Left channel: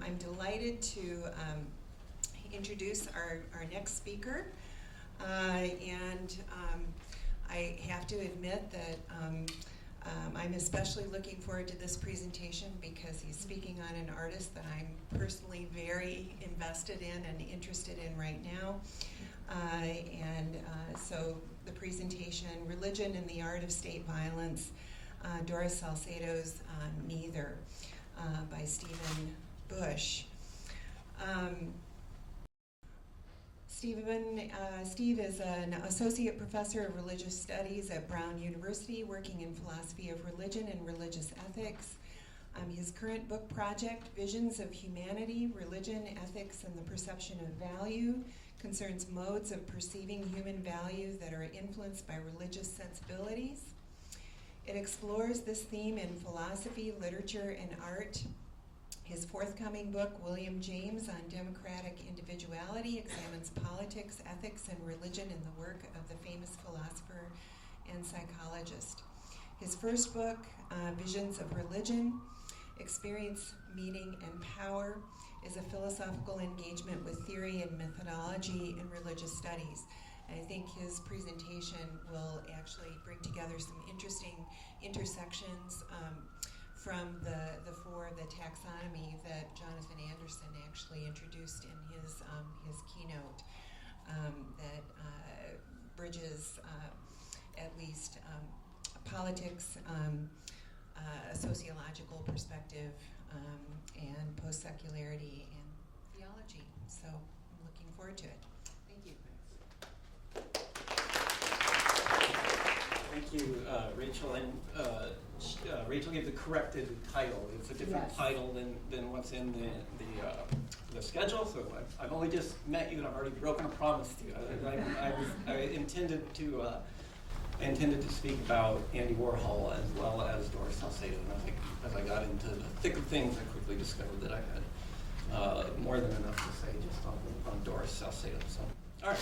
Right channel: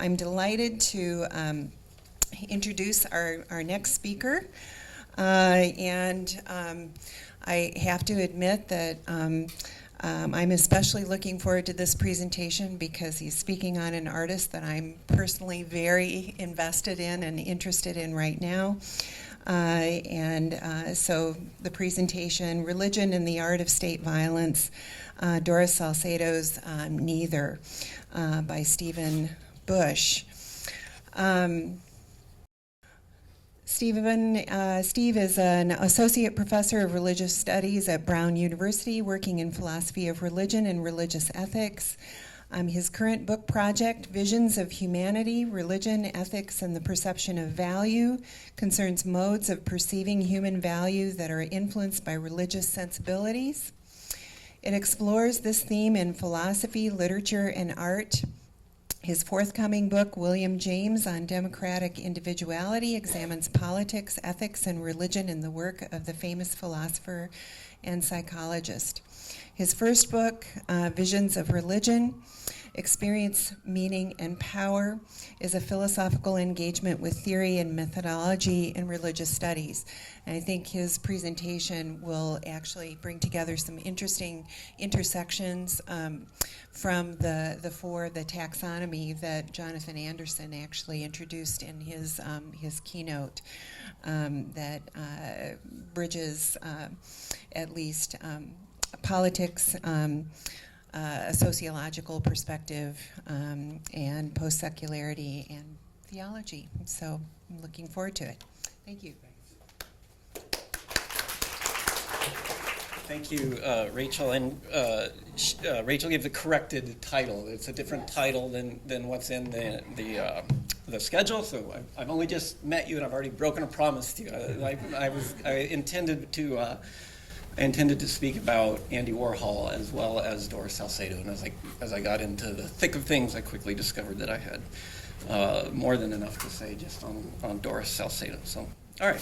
I'm delighted to introduce our next speaker. I have to admit that I'm especially looking forward to this presentation because he's speaking on an artist that I'm personally very invested in and interested in right now. So the presentation, Religion and the Art of State Violence, Doris Salcedo's Neither, by Stephen Bush. Steve is an associate professor of religious studies at Brown University, working in philosophy of religion and religious ethics. His current book project, Visions of Humanity, Religion, Ethics, and the Perception of Value, concerns modes of perceiving human value that are influenced by religious sensibilities. It explores this theme in philosophy, literature, and art. His forthcoming book, William James on Democratic Individuality, examines politics, ethics, and religion in the work of the famous philosopher and psychologist. His first book, Visions of Religion, Experience, Meaning, and Power, is a philosophical engagement with theory and methodology in religious studies. And I think his presentation will actually bring together some interesting intersections from the taxonomy that Jonathan Anderson actually introduced in his keynote that bridges at least politics, a sociological perspective, and post-secularity and theology. So I'm looking forward to it. Thank you. Thank you, Rachel. And Rachel gave the corrected title. It's a different title than what's in the schedule. So I've only just met you, and I've already broken a promise to you. I intended to speak about Andy Warhol as well as Doris Salcedo. And as I got into the thick of things, I quickly discovered that I had more than enough to say just on Doris Salcedo. So, all right.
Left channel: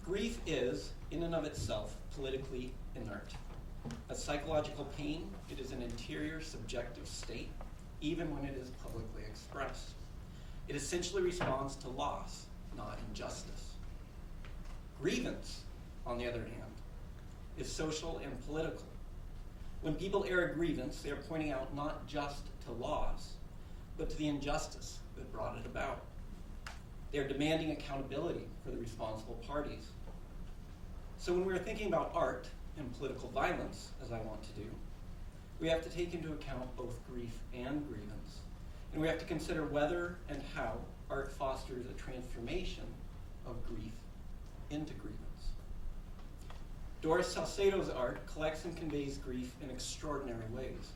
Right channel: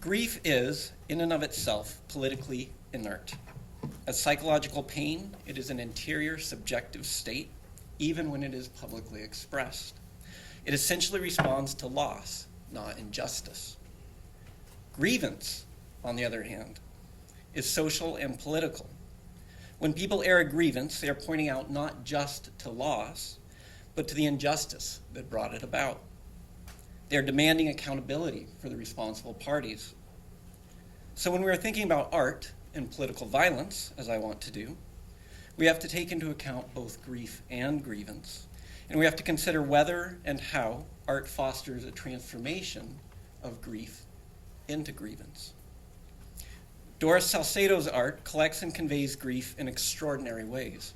Grief is, in and of itself, politically inert. As psychological pain, it is an interior, subjective state, even when it is publicly expressed. It essentially responds to loss, not injustice. Grievance, on the other hand, is social and political. When people air a grievance, they are pointing out not just to loss, but to the injustice that brought it about. They are demanding accountability for the responsible parties. So when we're thinking about art and political violence, as I want to do, we have to take into account both grief and grievance, and we have to consider whether and how art fosters a transformation of grief into grievance. Doris Salcedo's art collects and conveys grief in extraordinary ways.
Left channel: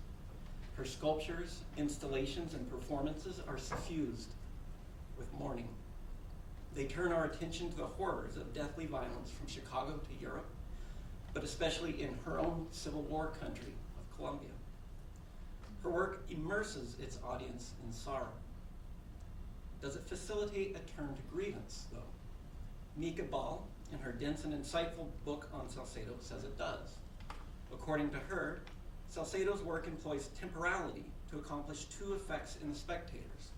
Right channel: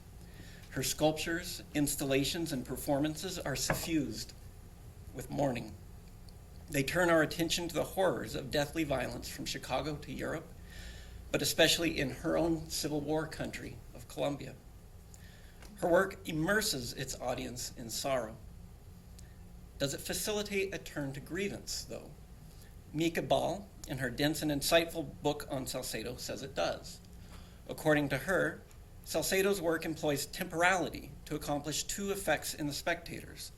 Her sculptures, installations, and performances are suffused with mourning. They turn our attention to the horrors of deathly violence from Chicago to Europe, but especially in her own Civil War country of Colombia. Her work immerses its audience in sorrow. Does it facilitate a turn to grievance, though? Mika Ball, in her dense and insightful book on Salcedo, says it does. According to her, Salcedo's work employs temporality to accomplish two effects in the spectators.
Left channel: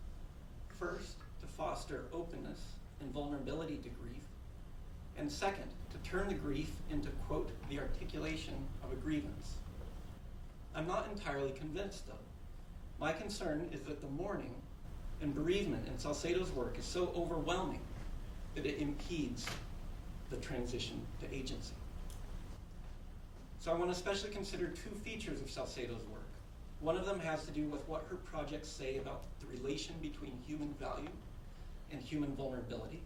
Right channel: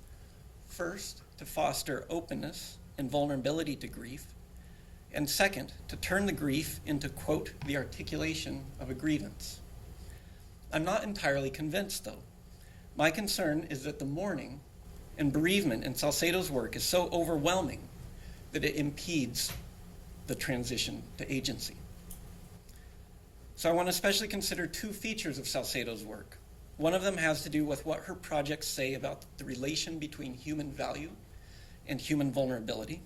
First, to foster openness and vulnerability to grief, and second, to turn the grief into, quote, the articulation of a grievance. I'm not entirely convinced, though. My concern is that the mourning and bereavement in Salcedo's work is so overwhelming that it impedes the transition to agency. So I want to especially consider two features of Salcedo's work. One of them has to do with what her projects say about the relation between human value and human vulnerability.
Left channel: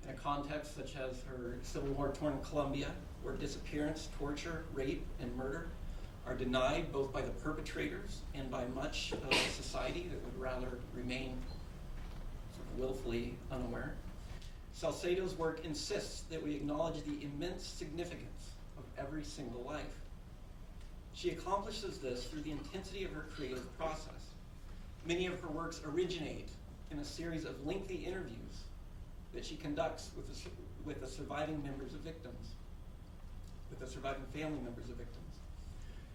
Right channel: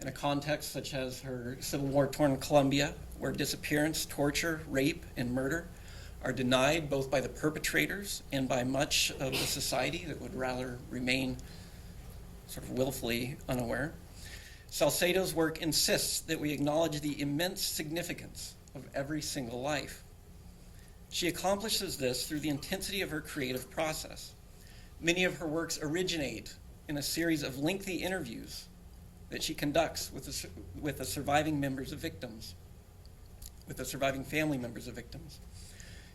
In a context such as her Civil War-torn Colombia, where disappearance, torture, rape, and murder are denied both by the perpetrators and by much of the society that would rather remain sort of willfully unaware, Salcedo's work insists that we acknowledge the immense significance of every single life. She accomplishes this through the intensity of her creative process. Many of her works originate in a series of lengthy interviews that she conducts with the surviving members of victims, with the surviving family members of victims.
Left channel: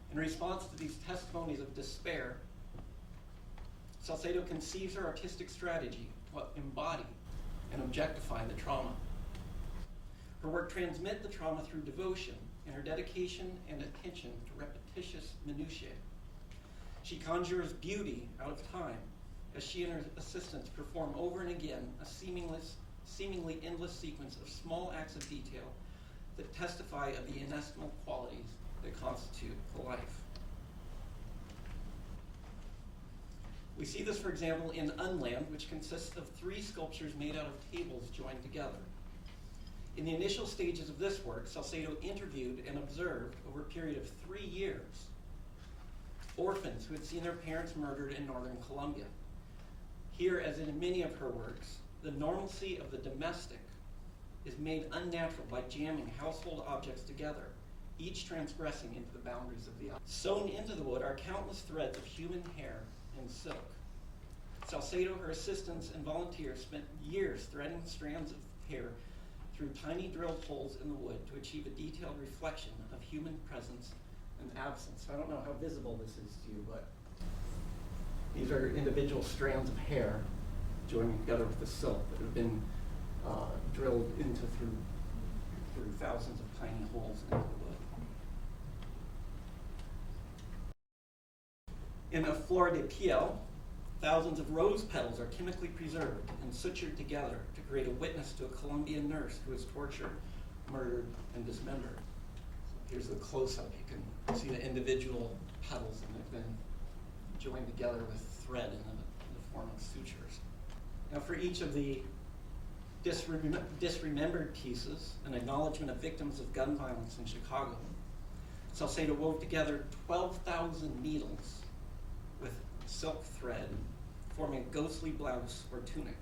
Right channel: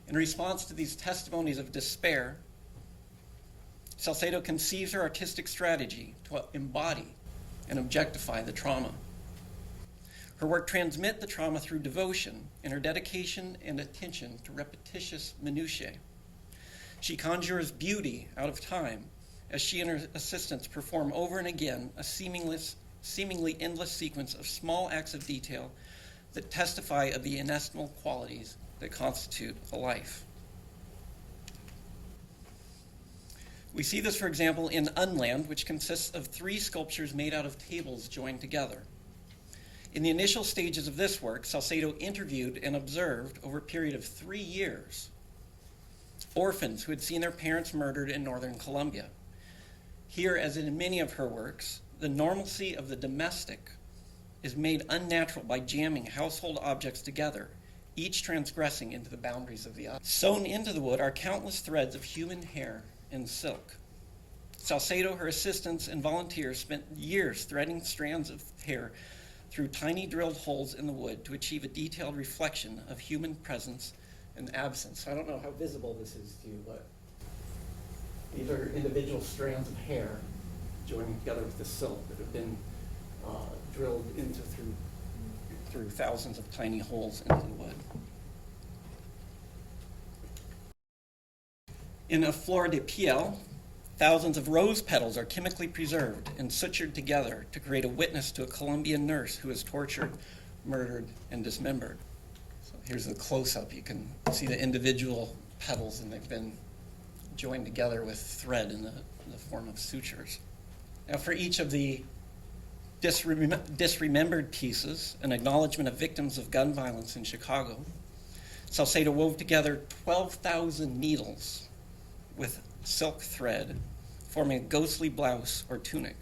In response to these testimonies of despair, Salcedo conceives her artistic strategy to embody and objectify the trauma. Her work transmits the trauma through devotion and her dedication and attention to repetitious minutiae. She conjures beauty out of time as she and her assistants perform over and again a seemingly endless sequence of small acts of detail that testify of the inestimable qualities that constitute a life. We see this, for example, in Unland, which consists of 3 sculptures made out of tables joined together. In the initial stages of this work, Salcedo interviewed and observed over a period of 3 years orphans who had seen their parents murdered in northern Colombia. Here, as in many of her works, the normalcy of the domestic is made unnatural by jamming household objects together, each transgressing into the boundaries of the other. Sewn into the wood are countless threads of human hair and silk. Salcedo, her assistants, and volunteers spent years threading strands of hair through tiny drilled holes in the wood to achieve a detailed reflection of human presence and absence. I don't know how visible this is to you, but these are individual strands of hair joined together with the silk that have been drilled into through thousands of tiny holes into the wood. In a flor de piel, thousands of rose petals are chemically preserved and sutured together to create a witness to a Colombian nurse who is tortured, murdered, and dismembered. So here's the close-up. You can see the individual petals, and they've been joined together with thread in the form of sutures. Now, for each of the disremembered pieces, an acknowledgement of victims of gun violence in Chicago, Salcedo wove together 12,000 needles with silk thread, forming a ghostly blouse or tunic.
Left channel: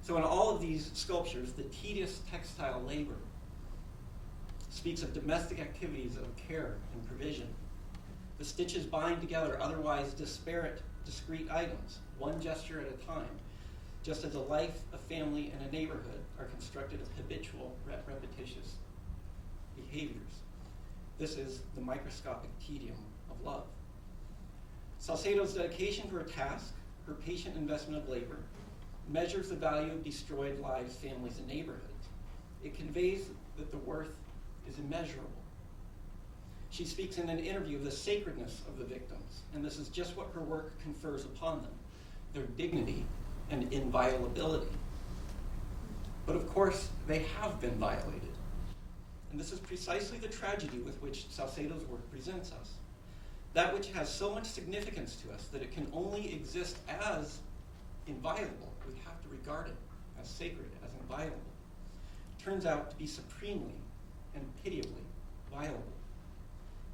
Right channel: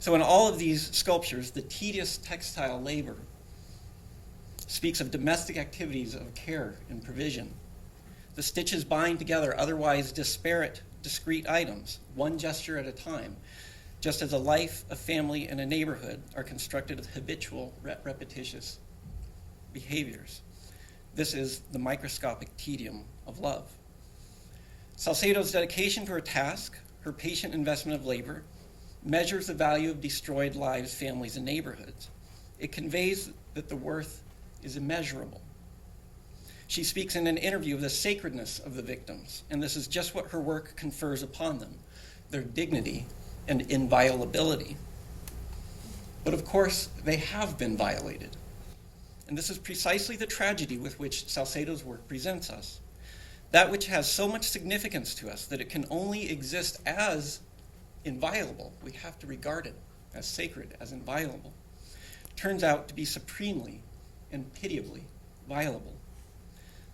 So in all of these sculptures, the tedious textile labor speaks of domestic activities of care and provision. The stitches bind together otherwise disparate, discrete items, one gesture at a time, just as a life, a family, and a neighborhood are constructed of habitual, repetitious behaviors. This is the microscopic tedium of love. Salcedo's dedication to her task, her patient investment of labor, measures the value of destroyed lives, families, and neighborhoods. It conveys that the worth is immeasurable. She speaks in an interview of the sacredness of the victims, and this is just what her work confers upon them, their dignity and inviolability. But of course, they have been violated. And this is precisely the tragedy with which Salcedo's work presents us. That which has so much significance to us that it can only exist as inviolable, we have to regard it as sacred, as inviolable, turns out to be supremely and pitiably violable.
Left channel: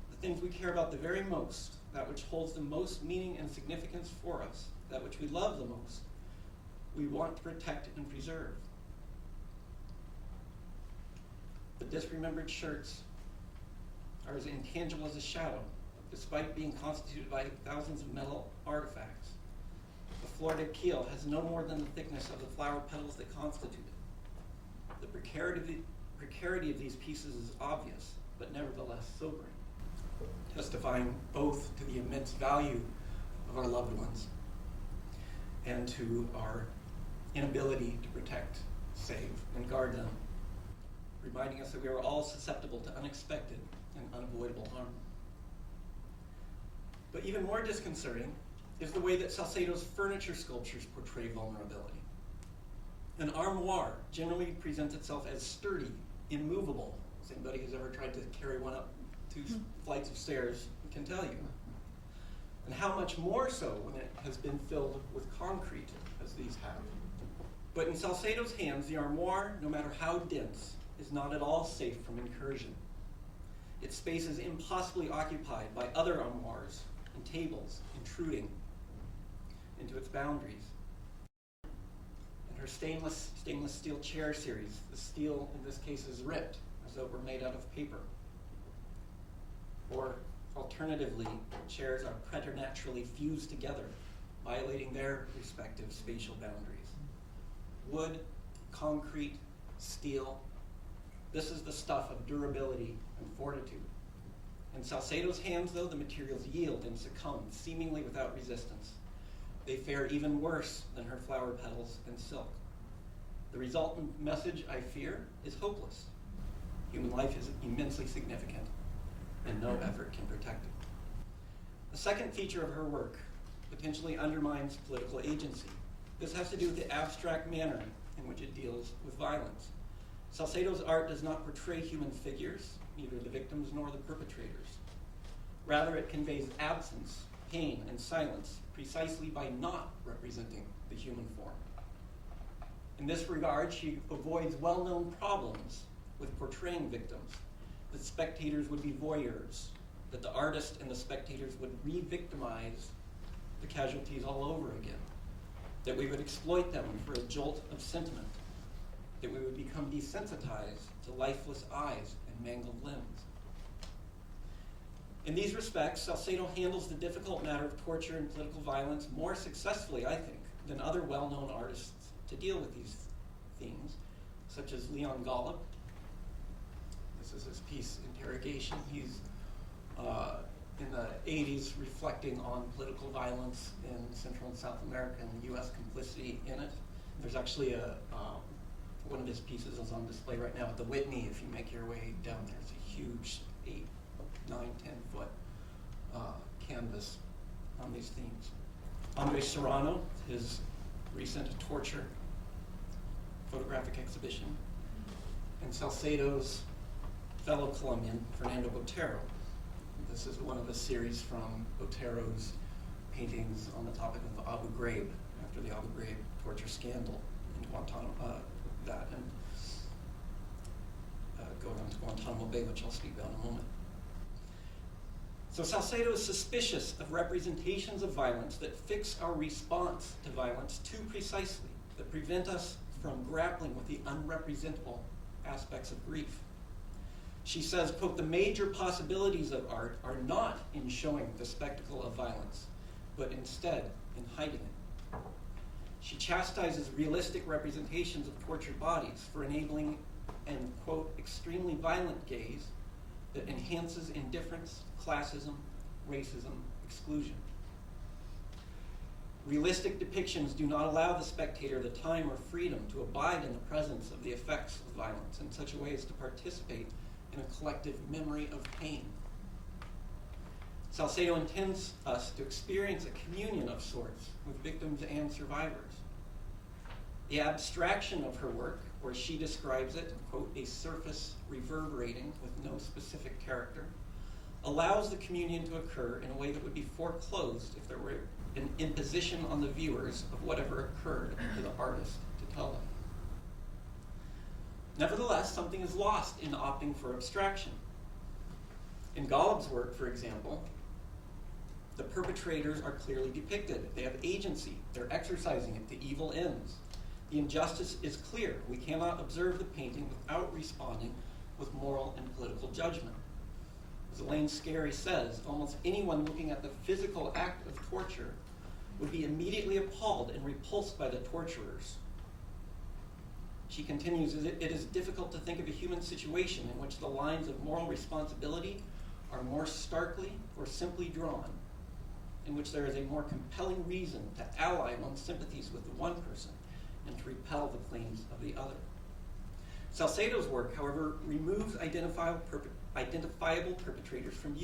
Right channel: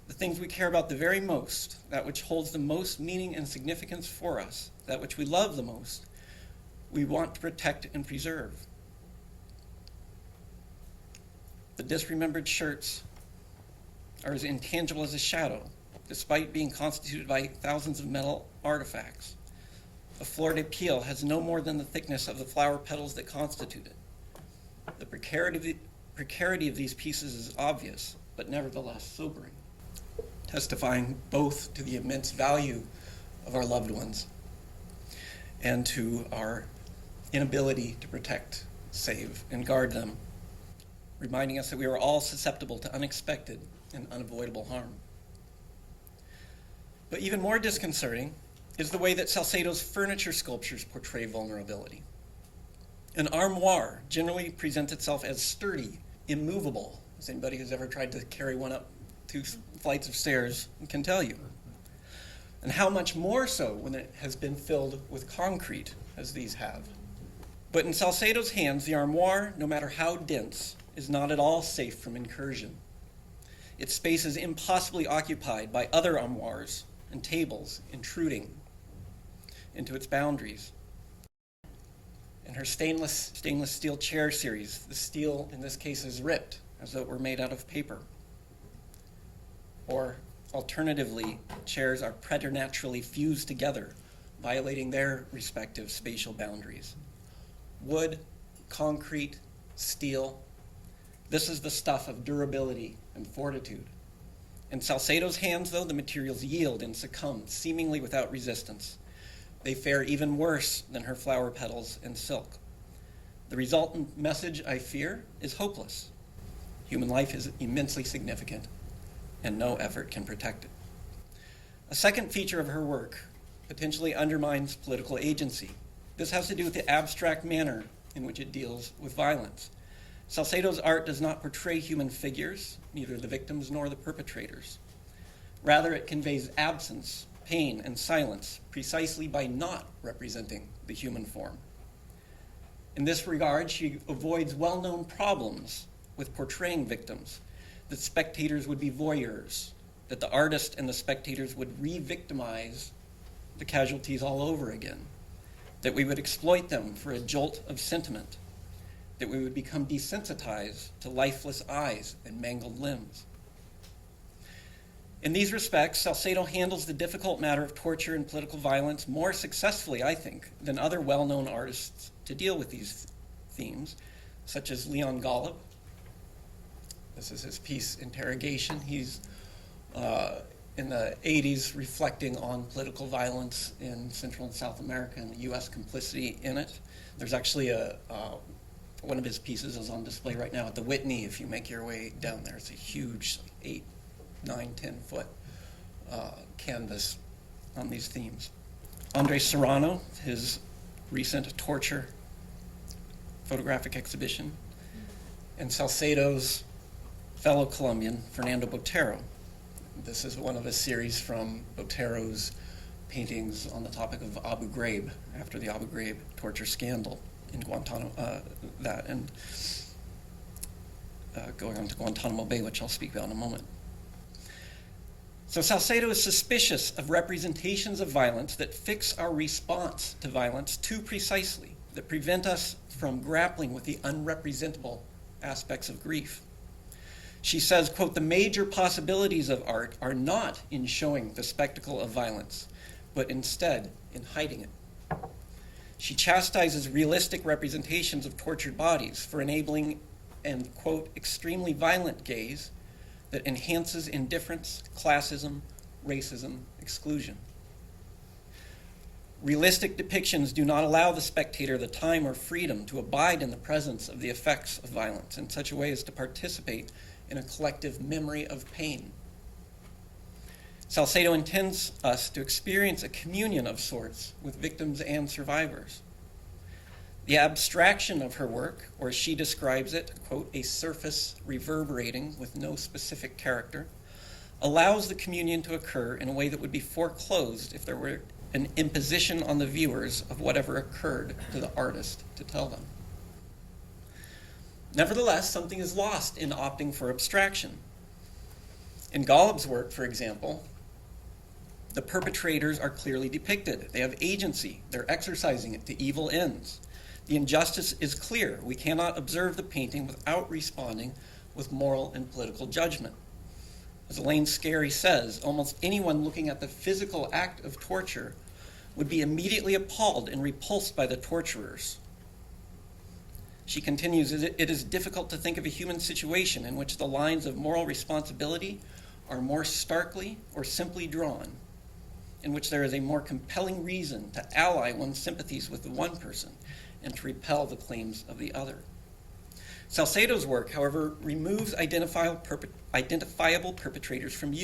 The things we care about the very most, that which holds the most meaning and significance for us, that which we love the most, we want to protect and preserve. The disremembered shirts are as intangible as a shadow, despite being constituted by thousands of metal artifacts. A flor de piel has no more than the thickness of the flower petals that constitute it. The precarity of these pieces is obvious, but nevertheless sobering, testifying both to the immense value of our loved ones and to our inability to protect, save, and guard them, reminding us that we are all susceptible to unexpected and unavoidable harm. But even more disconcerting is the way that Salcedo's furniture sculptures portray vulnerability. An armoire generally presents itself as sturdy, immovable, as anybody who's ever tried to carry one up 2 flights of stairs can tell you. And how much more so when it has been filled with concrete, as these have. But in Salcedo's hands, the armoire, no matter how dense, is not at all safe from incursion. Its space is impossibly occupied by other armoires and tables intruding into its boundaries. In her stainless steel chair series, the steel in this case is ripped as though it were made out of paper. Or alternatively, chairs are preternaturally fused together, violating their respective spatial boundaries. Wood, concrete, steel, this is the stuff of durability and fortitude. In Salcedo's hands, though, the materials yield and succumb, seemingly without resistance. they fare even worse than her flower petals and silk. The resultant message, I fear, is hopeless. Human life is immensely significant, and no effort can protect it. A second feature of her work potentially undermines political agency. This has to do with the abstract manner in which it deals with violence. Salcedo's art does not portray human figures, neither the victims nor the perpetrators. Rather, it conveys absence, pain, and silence precisely by not representing the human form. In this regard, she avoids well-known problems with portraying victims, that spectators would be voyeurs, that the artist and the spectators would re-victimize the casualties all over again, that we would exploit them for a jolt of sentiment, that we would become desensitized to lifeless eyes and mangled limbs. In these respects, Salcedo handles the difficult matter of torture and political violence more successfully, I think, than other well-known artists to deal with these themes, such as Leon Golub. This is his piece, Interrogation. He's in the 80s reflecting on political violence in Central and South America and the U.S. complicity in it. There's actually one of his pieces is on display right now at the Whitney. If you make your way down there, it's a huge 8, 9, 10-foot canvas on these themes. Andre Serrano, his recent torture photographic exhibition, and Salcedo's fellow Colombian, Fernando Botero. This is one of a series from Botero's paintings on the topic of Abu Ghraib, after the Abu Ghraib torture scandal in Guantanamo, going on to Guantanamo Bay, which I'll speak about in a moment. So Salcedo is suspicious of representations of violence that fix our response to violence too precisely, that prevent us from grappling with the unrepresentable aspects of grief. She says, quote, "The major possibilities of art are not in showing the spectacle of violence, but instead in hiding it." She chastises realistic representations of tortured bodies for enabling an, quote, "extremely violent gaze that enhances indifference, classism, racism, exclusion." Realistic depictions do not allow the spectator the time or freedom to abide in the presence of the effects of violence in such a way as to participate in a collective memory of pain. Salcedo intends us to experience a communion of sorts with victims and survivors. The abstraction of her work, or as she describes it, quote, "a surface reverberating with no specific character," allows the communion to occur in a way that would be foreclosed if there were an imposition on the viewers of whatever occurred to the artist to tell them. Nevertheless, something is lost in opting for abstraction. In Golub's work, for example, the perpetrators are clearly depicted. They have agency. They're exercising it to evil ends. The injustice is clear. We cannot observe the painting without responding with moral and political judgment. As Elaine Scarry says, almost anyone looking at the physical act of torture would be immediately appalled and repulsed by the torturers. She continues, "It is difficult to think of a human situation in which the lines of moral responsibility are more starkly or simply drawn, in which there is a more compelling reason to ally one's sympathies with the one person and to repel the claims of the other." Salcedo's work, however, removes identifiable perpetrators from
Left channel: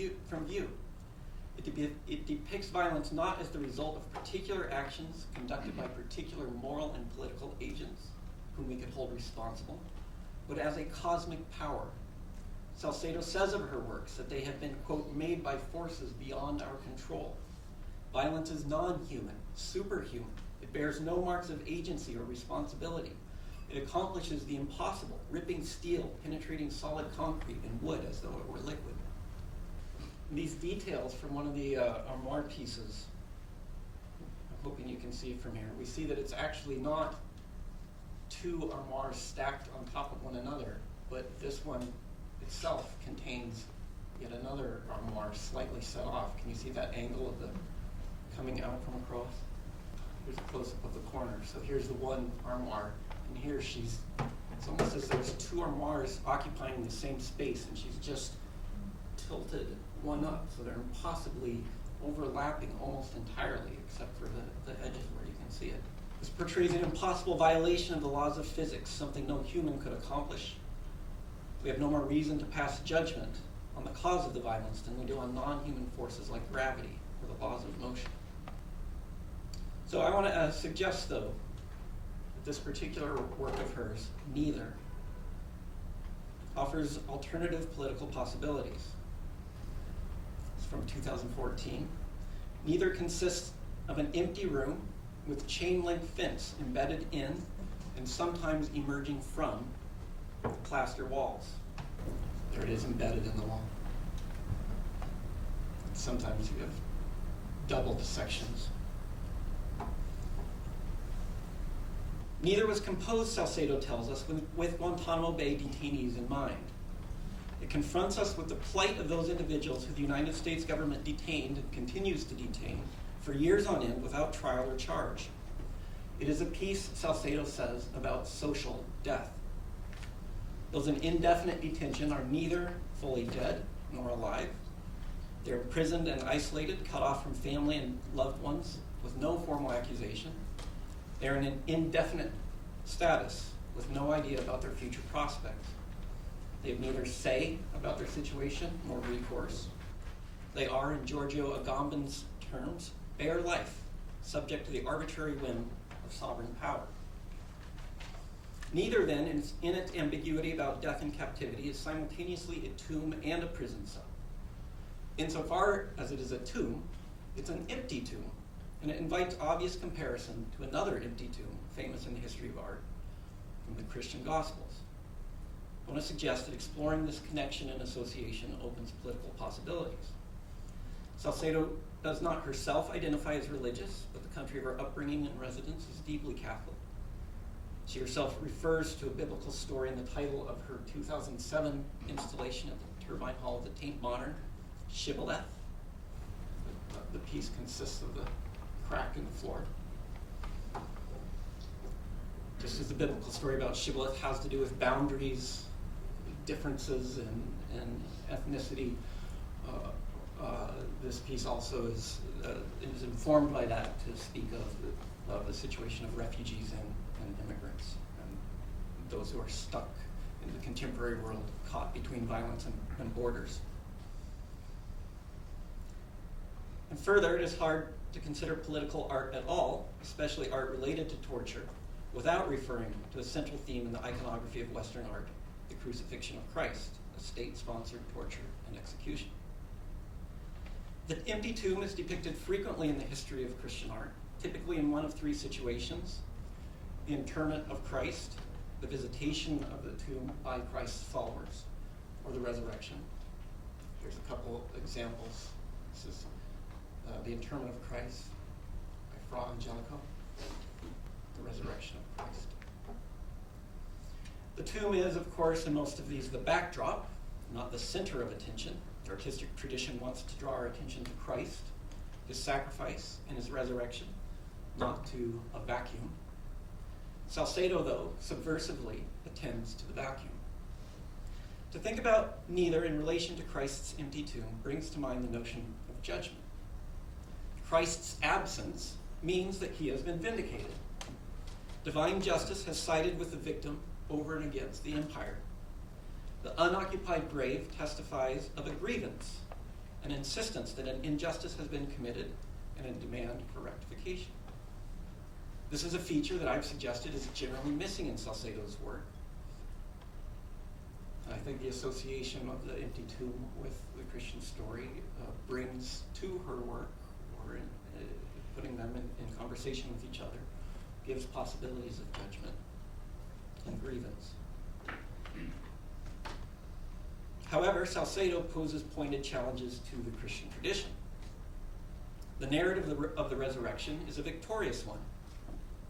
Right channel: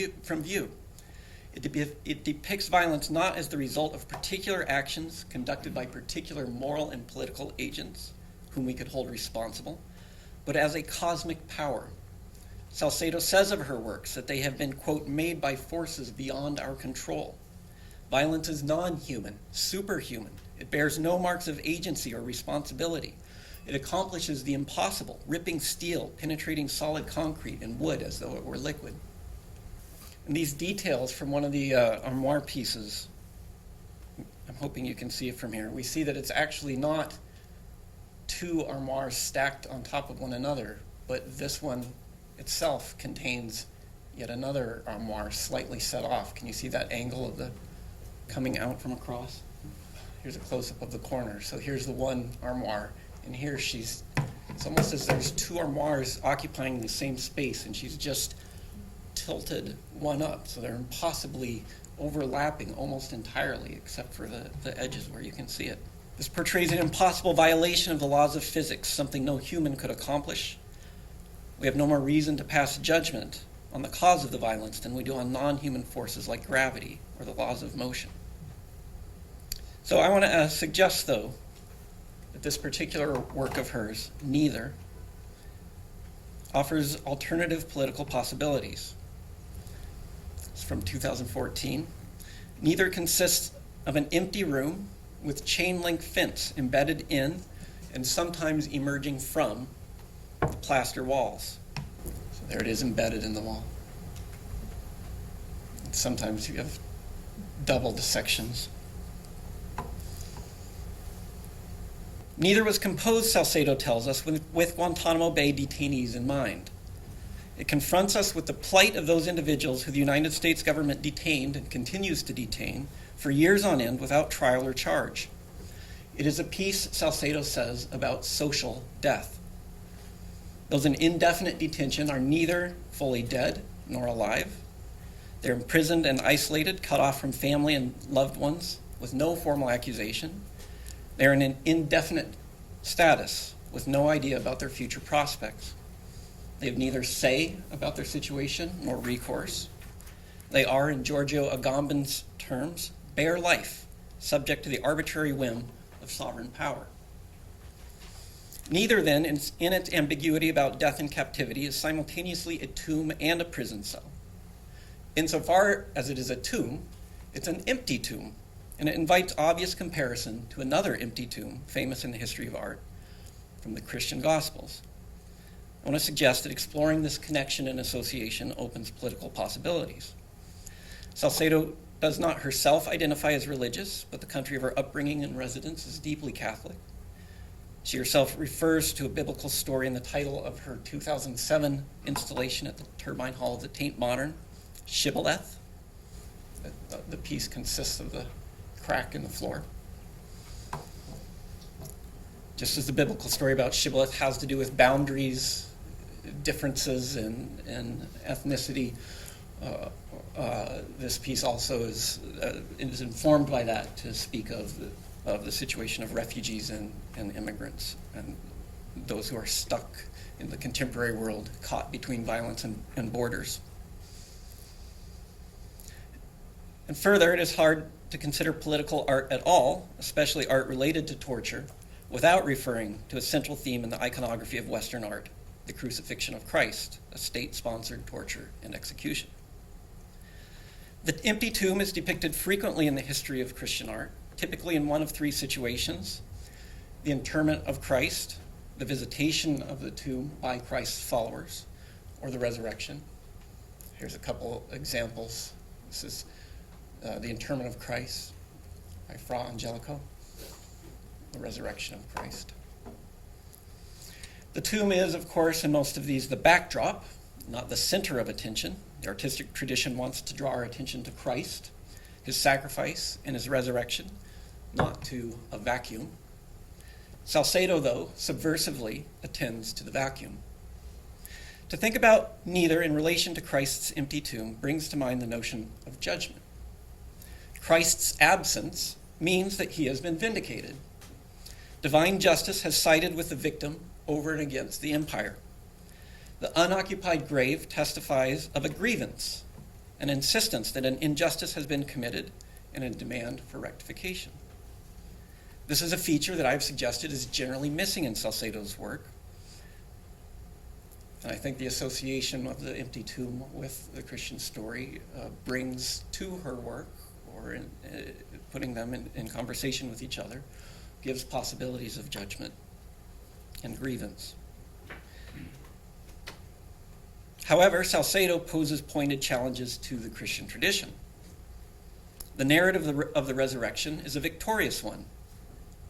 view. It depicts violence not as the result of particular actions conducted by particular moral and political agents, whom we could hold responsible, but as a cosmic power. Salcedo says of her works that they have been, quote, "made by forces beyond our control." Violence is non-human, superhuman. It bears no marks of agency or responsibility. It accomplishes the impossible, ripping steel, penetrating solid concrete and wood as though it were liquid. And these details from one of the armoire pieces, I'm hoping you can see it from here, we see that it's actually not two armoires stacked on top of one another, but this one itself contains yet another armoire slightly set off. Can you see that angle of the coming out from across? Here's a close-up of the corner. So here's the one armoire, and here it's almost as there's two armoires occupying the same space, and she's just tilted one up, so they're impossibly overlapping almost entirely, except for the edges where you can see it. This portrays an impossible violation of the laws of physics, something no human could accomplish. We have no more reason to pass judgment on the cause of the violence than we do on non-human forces like gravity or the laws of motion. So I want to suggest, though, that this particular work of hers, Neither, offers alternative political possibilities. It's from 2014. Neither consists of an empty room with chain-link fence embedded in and sometimes emerging from the plaster walls. So there it is, embedded in the wall. Sometimes you have double dissections. Neither was composed, Salcedo tells us, with Guantanamo Bay detainees in mind. It confronts us with the plight of those individuals who the United States government detained and continues to detain for years on end without trial or charge. It is a piece, Salcedo says, about social death. Those in indefinite detention are neither fully dead nor alive. They're imprisoned and isolated, cut off from family and loved ones with no formal accusation. They're in an indefinite status with no idea about their future prospects. They have neither say about their situation nor recourse. They are, in Giorgio Agamben's terms, bare life, subject to the arbitrary whim of sovereign power. Neither, then, in its ambiguity about death and captivity, is simultaneously a tomb and a prison cell. Insofar as it is a tomb, it's an empty tomb, and it invites obvious comparison to another empty tomb, famous in the history of art, from the Christian Gospels. I want to suggest that exploring this connection and association opens political possibilities. Salcedo does not herself identify as religious, but the country of her upbringing and residence is deeply Catholic. She herself refers to a biblical story in the title of her 2007 installation at the Turbine Hall of the Tate Modern, Shibboleth. The piece consists of the crack in the floor. Just as the biblical story about Shibboleth has to do with boundaries, differences in ethnicity, this piece also is informed by that to speak of the situation of refugees and immigrants and those who are stuck in the contemporary world, caught between violence and borders. And further, it is hard to consider political art at all, especially art related to torture, without referring to a central theme in the iconography of Western art, the crucifixion of Christ, a state-sponsored torture and execution. The empty tomb is depicted frequently in the history of Christian art, typically in one of three situations: the interment of Christ, the visitation of the tomb by Christ's followers, or the resurrection. Here's a couple examples. This is the interment of Christ by Fra Angelico, the resurrection of Christ. The tomb is, of course, in most of these, the backdrop, not the center of attention. The artistic tradition wants to draw our attention to Christ, his sacrifice, and his resurrection, not to a vacuum. Salcedo, though, subversively attends to the vacuum. To think about Neither in relation to Christ's empty tomb brings to mind the notion of judgment. Christ's absence means that he has been vindicated. Divine justice has sided with the victim over and against the empire. The unoccupied grave testifies of a grievance, an insistence that an injustice has been committed, and a demand for rectification. This is a feature that I've suggested is generally missing in Salcedo's work. And I think the association of the empty tomb with the Christian story brings to her work, or putting them in conversation with each other, gives possibilities of judgment and grievance. However, Salcedo poses pointed challenges to the Christian tradition. The narrative of the resurrection is a victorious one.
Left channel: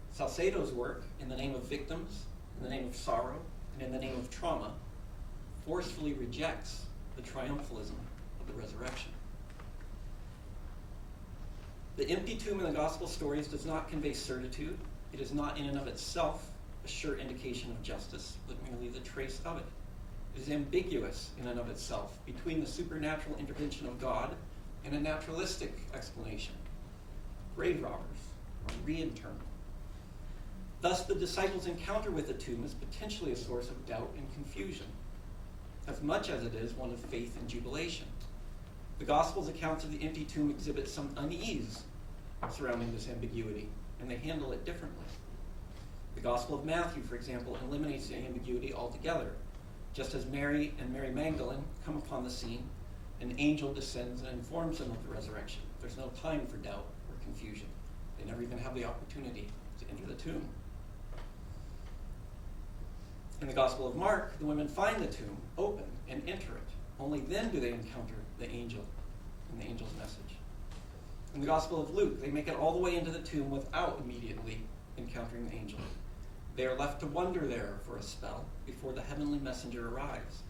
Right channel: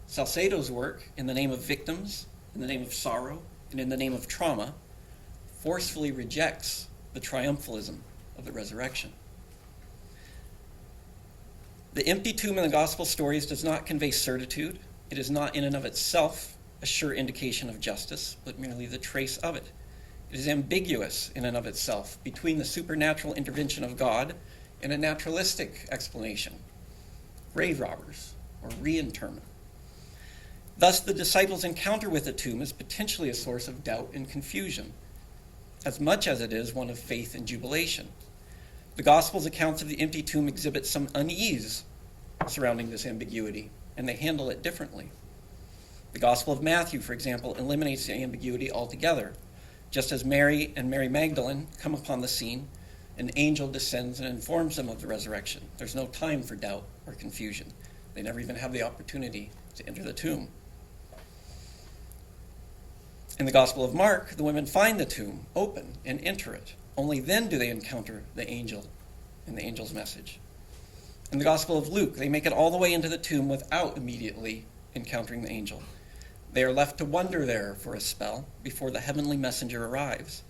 Salcedo's work, in the name of victims, in the name of sorrow, and in the name of trauma, forcefully rejects the triumphalism of the resurrection. The empty tomb in the gospel stories does not convey certitude. It is not in and of itself a sure indication of justice, but merely the trace of it. It is ambiguous in and of itself between the supernatural intervention of God in a naturalistic explanation, grave robbers, or reinterment. Thus, the disciples' encounter with the tomb is potentially a source of doubt and confusion, as much as it is one of faith and jubilation. The Gospels' accounts of the empty tomb exhibit some unease surrounding this ambiguity, and they handle it differently. The Gospel of Matthew, for example, eliminates the ambiguity altogether. Just as Mary and Mary Magdalene come upon the scene, an angel descends and informs them of the resurrection. There's no time for doubt or confusion. They never even have the opportunity to enter the tomb. In the Gospel of Mark, the women find the tomb open and enter it. Only then do they encounter the angel and the angel's message. In the Gospel of Luke, they make it all the way into the tomb without immediately encountering the angel. They are left to wonder there for a spell before the heavenly messenger arrives.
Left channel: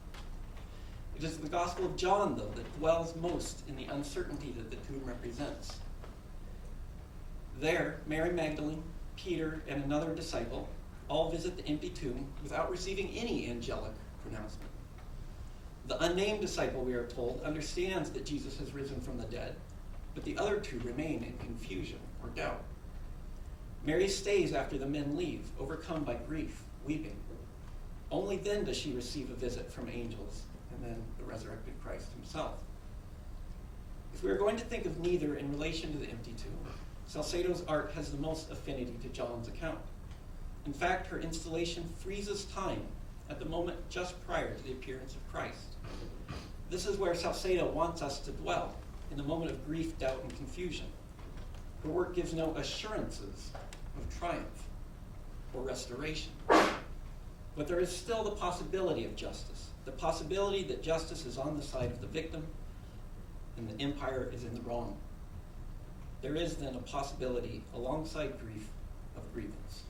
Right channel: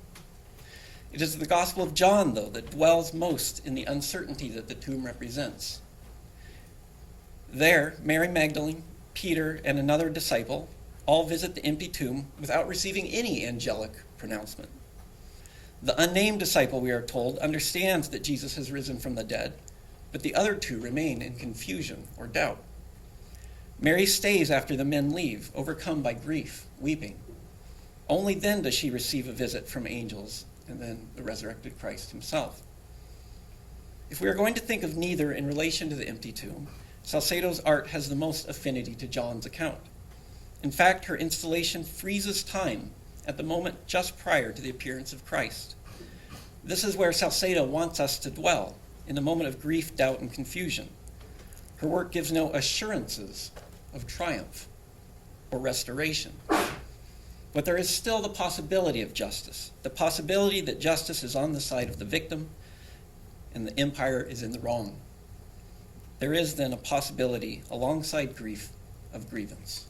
It is the Gospel of John, though, that dwells most in the uncertainty that the tomb represents. There, Mary Magdalene, Peter, and another disciple all visit the empty tomb without receiving any angelic pronouncement. The unnamed disciple, we are told, understands that Jesus has risen from the dead, but the other two remain in confusion or doubt. Mary stays after the men leave, overcome by grief, weeping. Only then does she receive a visit from angels and then the resurrected Christ himself. If we are going to think of neither in relation to the empty tomb, Salcedo's art has the most affinity to John's account. In fact, her installation freezes time at the moment just prior to the appearance of Christ. This is where Salcedo wants us to dwell, in the moment of grief, doubt, and confusion. Her work gives no assurances of triumph or restoration. But there is still the possibility of justice, the possibility that justice is on the side of the victim and the empire is in the wrong. There is then a possibility, alongside grief, of grievance.